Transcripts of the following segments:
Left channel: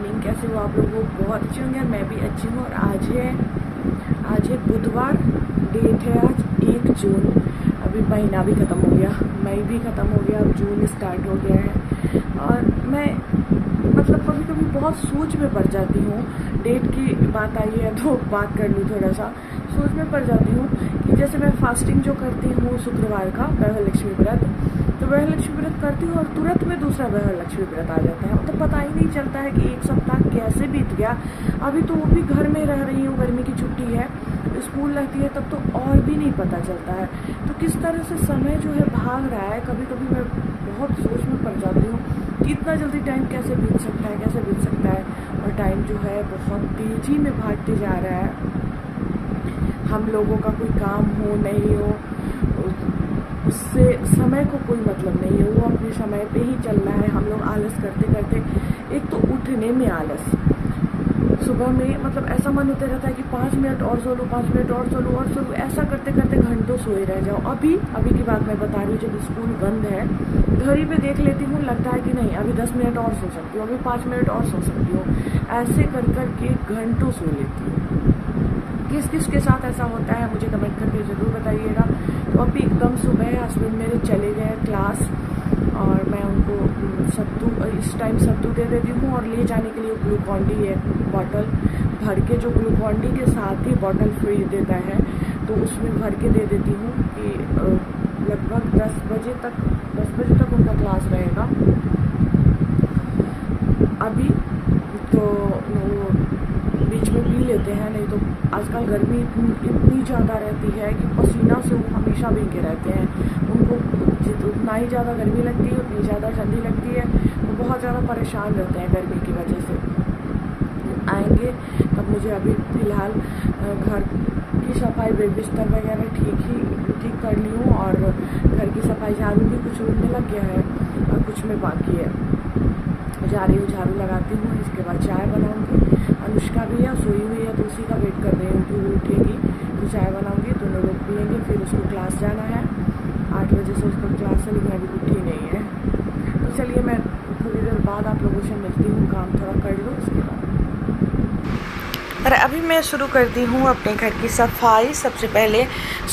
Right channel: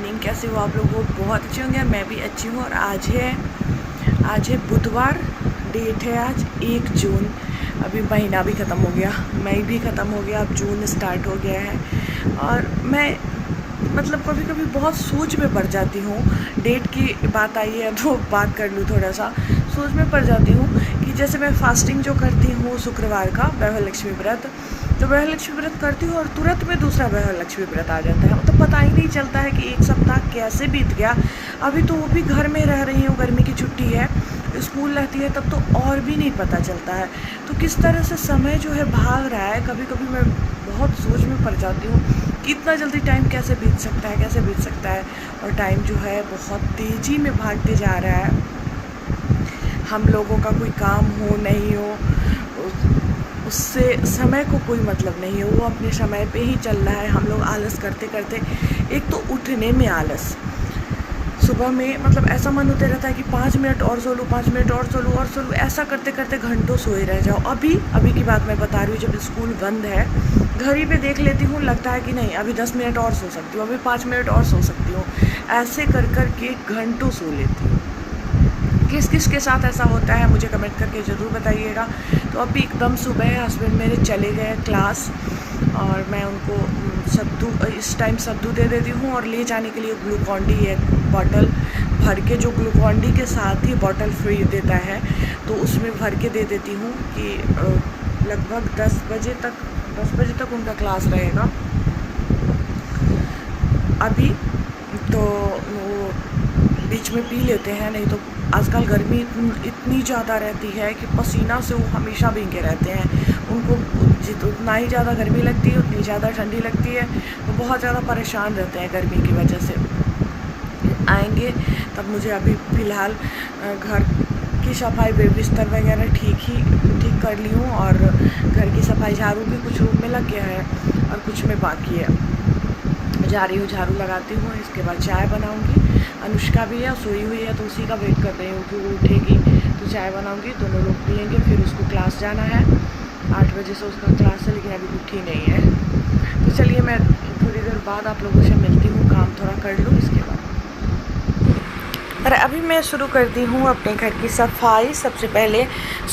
Morning. कैसे हो आप लोग? वो बहुत अच्छे होंगे, मैं भी अच्छी हूँ। और आज है बुधवार, डेट है आज 1 जून। अभी महीना भी ख़त्म हो गया, मई भी ख़त्म हो गया, अब जून स्टार्ट हो गया है। और मैं मतलब कभी कभी बहुत सोच में पड़ जाती हूँ। डेट की बात आई है तो बात कर लूँ, थोड़ा सा सोच में पड़ जाती हूँ कि जैसे मैं फास्टिंग जो करती हूँ शुक्रवार का वैभव लक्ष्मी व्रत, तो वैभव लक्ष्मी व्रत करती हूँ और तुरंत में दूसरा वैभव लक्ष्मी व्रत आ जाता है। मतलब पता ही नहीं चलता है कि एक सप्ताह कैसे बीत गया। अभी तो वो भी घर में रह रही हूँ, गर्मी की छुट्टी है, स्कूल रहती है तब तो और भी नहीं पता चलता है। तो किस तरह से समय जो है भाग रहा है, कभी कभी मैं बहुत सोच में पड़ जाती हूँ कि इतना जल्दी टाइम कैसे बीत सकता है, कैसे बीत सकता है। और टाइम जो है बहुत तेज़ी में भागते जा रहा है। हम लोगों का कोई काम हो नहीं हो, उससे समय को कोई मतलब नहीं है, वो अपने समय पे ही चल रहा है। हम लोग आलस करते करते, एक तो उठने में आलस, सुबह में मतलब ऐसा मन होते रहता है कि 5 मिनट और सो लूँ, 5 मिनट और सो लूँ और सो लूँ, ऐसा करते करते घंटों सोए रह जाओ। अभी की बात मैं बता रही हूँ, जब स्कूल बंद है घड़ी पे देख लेती हूँ, लगता है कि नहीं अभी 10 मिनट और सो सकती हूँ, अभी 5 मिनट और सो सकती हूँ। ऐसे कर कर के घंटों सो लेती हूँ। किस किस के साथ ऐसा होता है मुझे कमेंट करके ज़रूर बताइएगा। तो अभी एकदम सुबह है, हस्बैंड मेरे चले गए क्लास और मैं उनको सत्तू, इस टाइम सत्तू दे देती हूँ। और ले जाने के लिए ग्लूकॉन डी एक बॉटल भर के, जो ग्लूकॉन डी के साथ ही बॉटल फ्री देता है, तो उसमें भर के दे देती हूँ कि लगभग 10 बजे तक उनका क्लास रहेगा। अभी तो वो बीच में पी लेते हैं, नहीं तो आजकल गर्मी इतनी ज़्यादा रहती है कि पसीना से वो हमेशा भीगे रहते हैं। उनको जितना ही ज़्यादा गर्मी लगती है उतनी ज़्यादा ठंडी लगती है, वो बहुत ज़्यादा परेशान रहते हैं गर्मी की वजह से। आएंगे तब मुझे अभी फ़िलहाल घर की सफाई, बिस्तर वगैरह ठीक कर ली हूँ। और घर की सफाई, झाड़ू भी कुछ रूम में लग गया है और कुछ में बाकी है। जा रही हूँ, झाड़ू लगाती हूँ, इसके बाद चाय बनाऊँगी। अनुष्का भी है, सोई हुई है, तो उसी का वेट कर रही हूँ कि वो उठेगी तो चाय बनाऊँगी, दोनों लोग पियेंगे। फिर उसको क्लास जाना है, 8 बजे से उसका क्लास है, लेकिन अभी उठी नहीं है। तो चलिए मैं थोड़ी देर बाद आप लोगों से मिलती हूँ, काम थोड़ा कर लूँ इसके बाद। और अभी मैं शुरू करती हूँ अपने घर की सफाई। सबसे पहले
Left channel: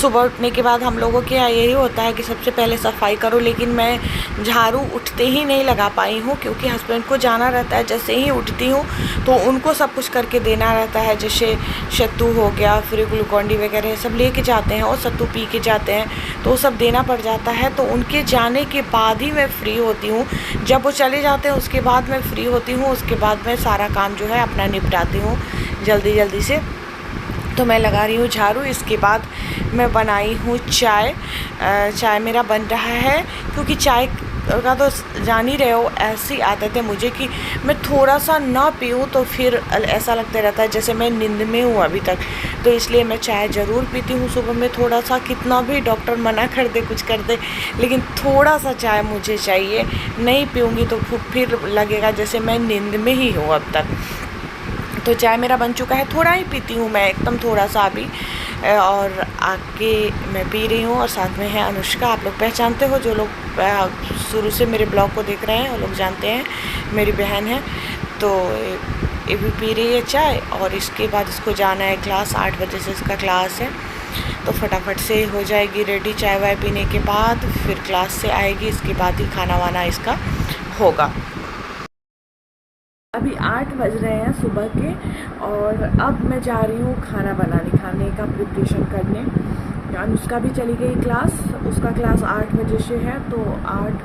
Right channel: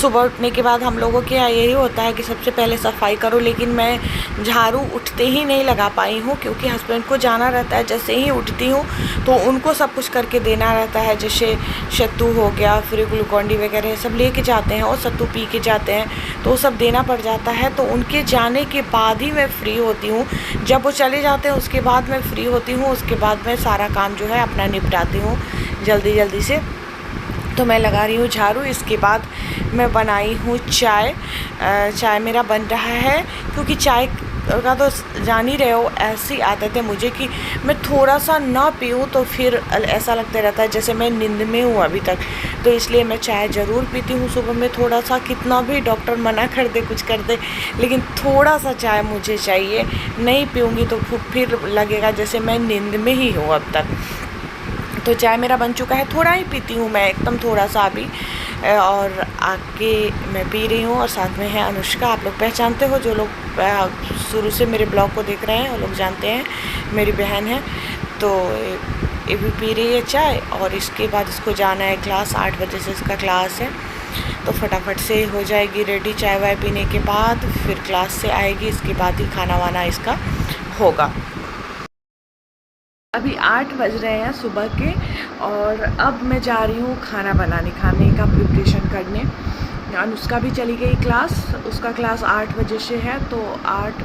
सुबह उठने के बाद हम लोगों के यहाँ यही होता है कि सबसे पहले सफाई करो, लेकिन मैं झाड़ू उठते ही नहीं लगा पाई हूँ क्योंकि हस्बैंड को जाना रहता है। जैसे ही उठती हूँ तो उनको सब कुछ करके देना रहता है, जैसे सत्तू हो गया, फिर ग्लूकॉन डी वगैरह सब लेके जाते हैं और सत्तू पी के जाते हैं, तो वो सब देना पड़ जाता है। तो उनके जाने के बाद ही मैं फ्री होती हूँ। जब वो चले जाते हैं उसके बाद मैं फ्री होती हूँ, उसके बाद मैं सारा काम जो है अपना निपटाती हूँ जल्दी से। तो मैं लगा रही हूँ झाड़ू। इसके बाद मैं बनाई हूँ चाय। चाय मेरा बन रहा है क्योंकि चाय का तो जान ही रहे हो, ऐसी आदत है मुझे कि मैं थोड़ा सा ना पीऊँ तो फिर ऐसा लगता रहता है जैसे मैं नींद में हूँ अभी तक। तो इसलिए मैं चाय ज़रूर पीती हूँ सुबह में, थोड़ा सा, कितना भी डॉक्टर मना कर दे, कुछ कर दे, लेकिन थोड़ा सा चाय मुझे चाहिए। नहीं पीऊँगी तो फिर लगेगा जैसे मैं नींद में ही हूँ अब तक। तो चाय मेरा बन चुका है, थोड़ा ही पीती हूँ मैं, एकदम थोड़ा सा अभी। और आके मैं पी रही हूँ और साथ में है अनुष्का। आप लोग पहचानते हो, जो लोग शुरू से मेरे ब्लॉग को देख रहे हैं वो लोग जानते हैं, मेरी बहन है। तो ये भी पी रही है चाय। और इसके बाद इसको जाना है क्लास, 8 बजे से इसका क्लास है, तो फटाफट से हो जाएगी रेडी। चाय वाय पीने के बाद फिर क्लास से आएगी, इसके बाद ही खाना वाना इसका होगा। अभी 8 बज रहे हैं सुबह के और अब मैं जा रही हूँ खाना बनाने, खाने का प्रिपरेशन करने। अनुष्का भी चली गई क्लास, उसका क्लास 8 बजे से है, तो 8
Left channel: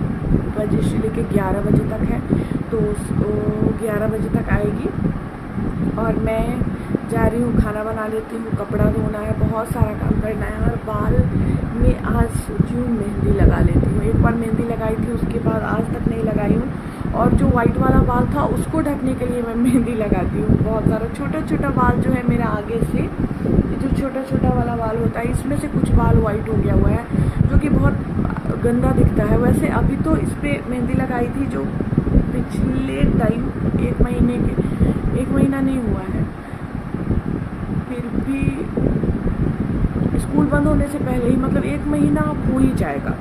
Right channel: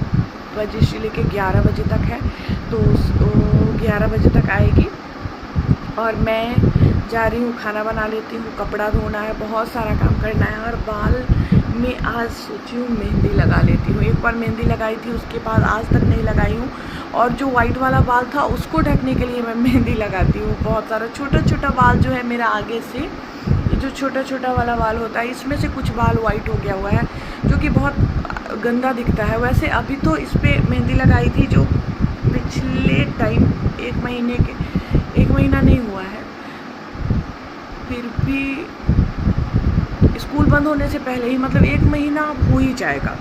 बजे से लेके 11 बजे तक है, तो 11 बजे तक आएगी। और मैं जा रही हूँ खाना बना लेती हूँ, कपड़ा धोना है, बहुत सारा काम करना है। और बाल में आज सोची हूँ मेहंदी लगा लेती हूँ। एक बार मेहंदी लगाई थी, उसके बाद आज तक नहीं लगाई हूँ। और जो वाइट वाला बाल था उसको ढकने के लिए मैं मेहंदी लगाती हूँ। बहुत सारा छोटा छोटा बाल जो है मेरा आगे से, ये जो छोटा छोटा वाला बाल होता है, इसमें से कुछ बाल वाइट हो गया हुआ है, जो कि बहुत गंदा दिखता है। वैसे अभी तो इस पर मेहंदी लगाई थी, जो पिछले टाइम 1 महीना नहीं हुआ है, फिर भी स्कूल बंद होने से पहले ही, मतलब 1 महीना हो ही जाएगा।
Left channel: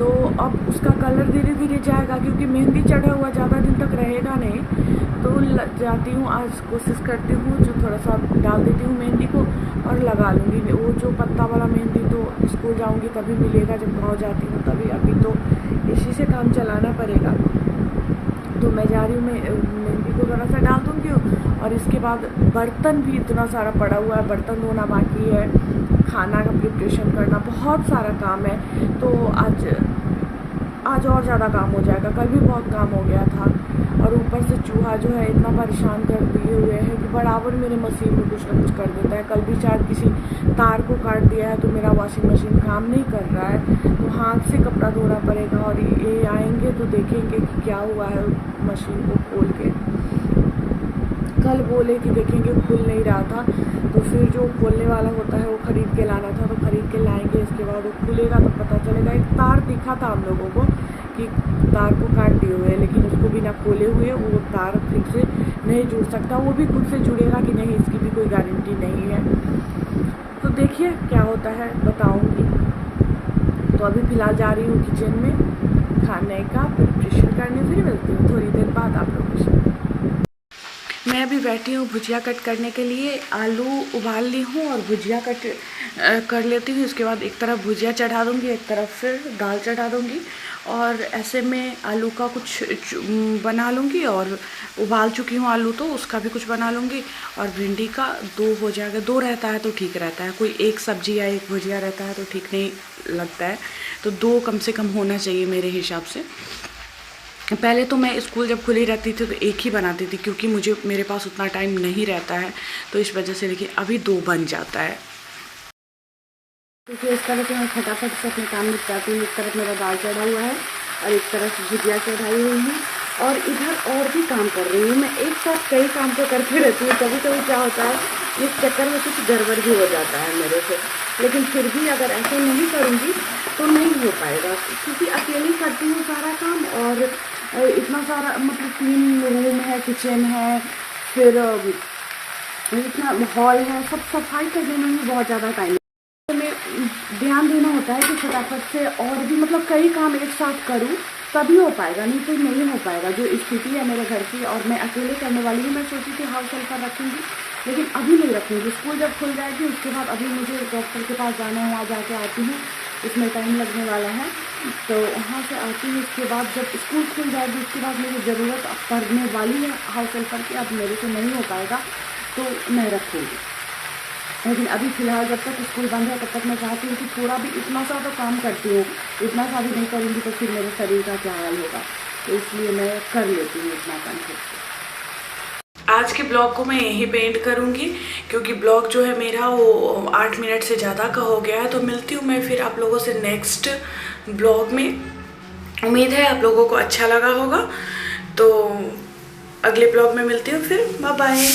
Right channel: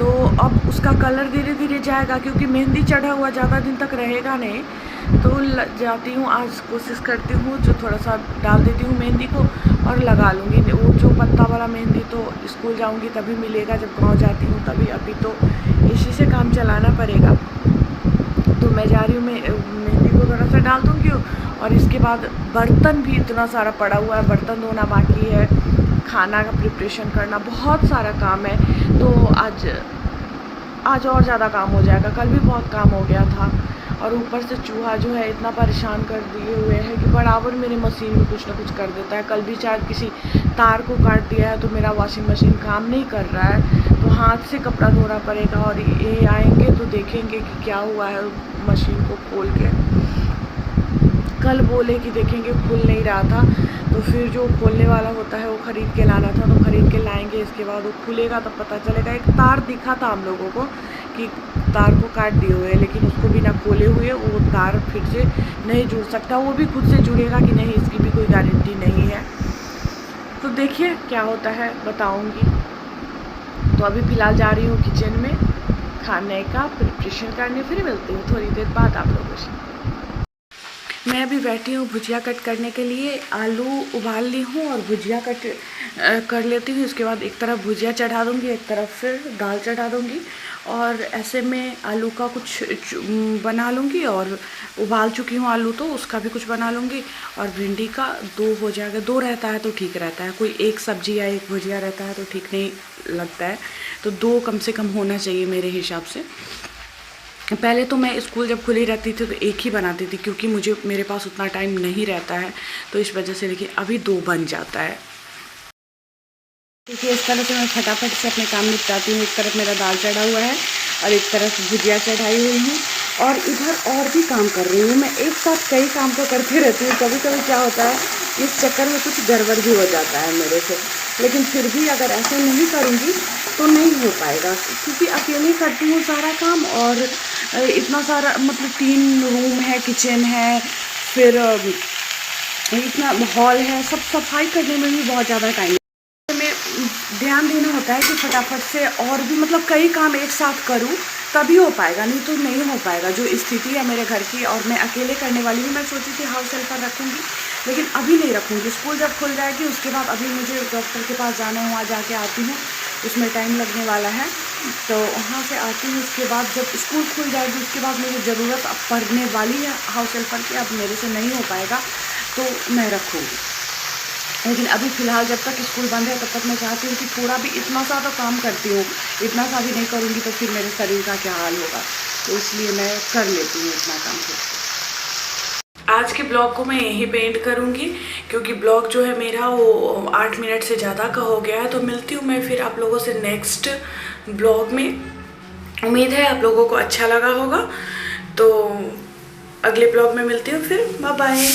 तो अब उसका कलर धीरे धीरे जाएगा, क्योंकि मेहंदी चढ़ा हुआ ज़्यादा दिन तक रहेगा नहीं। तो जाती हूँ, आज कोशिश करती हूँ जो थोड़ा सा डाल देती हूँ मेहंदी को और लगा लूँगी। वो जो पत्ता वाला मेहंदी तो स्कूल जाऊँगी तभी मिलेगा, जब गाँव जाती हूँ तभी। अभी तो इसी से काम चलाना पड़ेगा। तो मैं जा रही हूँ, मेहंदी को ज़रा सा डाल दूँगी। और इसके बाद बर्तन भी इतना सारा पड़ा हुआ है, बर्तन धोना बाकी है, खाना का प्रिपरेशन करना, बहुत सारा काम है। तो आज और ज़्यादा काम हो जाएगा। कल भी बहुत काम हो गया था, और ऊपर से चूहा जो है इतना परेशान कर दिए हुए है कि बराबर मेरे मशीन में कुछ ना कुछ कर देता है। कल भी शायद किसी तार को काट दिया है, तो मेरा वॉशिंग मशीन काम नहीं कर रहा है, तो हाथ से कपड़ा धोना पड़ेगा। और ये आएंगे तो देखेंगे कि क्या हुआ है मशीन को खोल के। कल बोले कि देखेंगे, खुल नहीं रहा था, तो फिर जो खोलने वाला होता है वो ख़रीद के लाना था, तो ख़रीद के लाएंगे। इसके बाद वो खुलेगा तब पता चलेगा। एक तार दिखा था हम लोगों को कि तार को काट दिए हुए, लेकिन उसको बिना खोले हुए वो तार फिर से नहीं जुड़ सकता। वो भी खुद से जुड़ेगा कि नहीं, इसकी भी कोई गारंटी नहीं है। तो देखिए क्या होता है, बताऊँगी। तो अभी फ़िलहाल जा रही हूँ किचन में खाने का प्रिपरेशन करने, फिर मिलती हूँ थोड़ी देर बाद आप लोगों से। मैं अभी बैठी हूँ भुजिया कट करने के लिए। आलू उबाल ली हूँ और भुजिया कट कर लेती हूँ। इसके बाद एक तरफ भुजिया चढ़ा दूँगी, एक तरफ फिर दाल चढ़ा दूँगी, और ऐसे में आलू का कुछ बना लूँगी। और उबाल चुकी हूँ आलू, तो उसका भी कुछ बना लूँगी। और भिंडी का 2 हो जाएगा। 2 रहता है तो ठीक रहता है, कोई एक सब्जी या एक भुजिया रहता है तो ठीक नहीं लगता है। तो 2 कम से कम होना चाहिए मेरे हिसाब से। पहले तो मैं स्कूल जब खुली रहती थी तो एक ही बनाती थी, क्योंकि मेरे पास उतना टाइम नहीं रहता है, तो इस वजह से। लेकिन अभी 2 बन जाता है। देखिए इस तरह से मैं फटाफट से अपने काम निपटाती हूँ। एक तरफ मेरा दाल चढ़ा हुआ है और एक तरफ भुजिया चढ़ाई हुई है, और इधर और भी काम कर रही हूँ। मैं एक साथ कई काम को करती रहती हूँ। कभी कभी क्या होता है, इस चक्कर में कुछ गड़बड़ भी हो जाता है मेरे से। लेकिन फिर भी अगर ऐसा नहीं करूँगी तो नहीं हो पाएगा, क्योंकि अकेले करती हूँ सारा काम। और इतना सारा, मतलब 3 रूम है, किचन है, फिर इतना हॉल है, सब सफाई करने में भी बहुत ज़्यादा टाइम में ध्यान देना होता है कि फटाफट से और भी, मतलब कई काम एक साथ करूं तभी हो पाएगा, नहीं तो नहीं हो पाएगा। जो स्थिति है मेरे घर की, और मैं अकेले करने वाली हूँ। मैं सोची थी हाउस हेल्पर रखूँगी, लेकिन अभी नहीं रखूँगी। स्कूल जब खुल जाएगी उसके बाद, अभी मुझे डॉक्टर के पास जाना है, वहाँ जाके आती हूँ, उसमें टाइम लगने वाला है, तो वहाँ से आती हूँ। उसके बाद जब स्कूल खुल जाएगी उसके बाद मुझे ज़रूरत अब पड़ने वाली है हाउस हेल्पर की। अब मेरे से नहीं हो पाएगा तो मैं रखूँगी, लेकिन अभी फ़िलहाल जब तक स्कूल बंद है तब तक मैं चाहती हूँ कि थोड़ा भी, इतना सा तो काम करती हूँ, इतना सा भी नहीं करूँगी तो फिर मेरे शरीर का क्या हाल होगा। तो इसलिए मैं कर लेती हूँ इतना काम खुद से। आज के ब्लॉग को मैं यहीं पे एंड करूँगी, क्योंकि ब्लॉग जो है मेरा वो 8 मिनट से ज़्यादा का हो गया है। तो मिलती हूँ मैं फिर आप लोगों से नेक्स्ट ब्लॉग में। उम्मीद है आप लोगों को अच्छा लगा होगा। तो अगले ब्लॉग में मिलती हूँ फिर। Bye bye.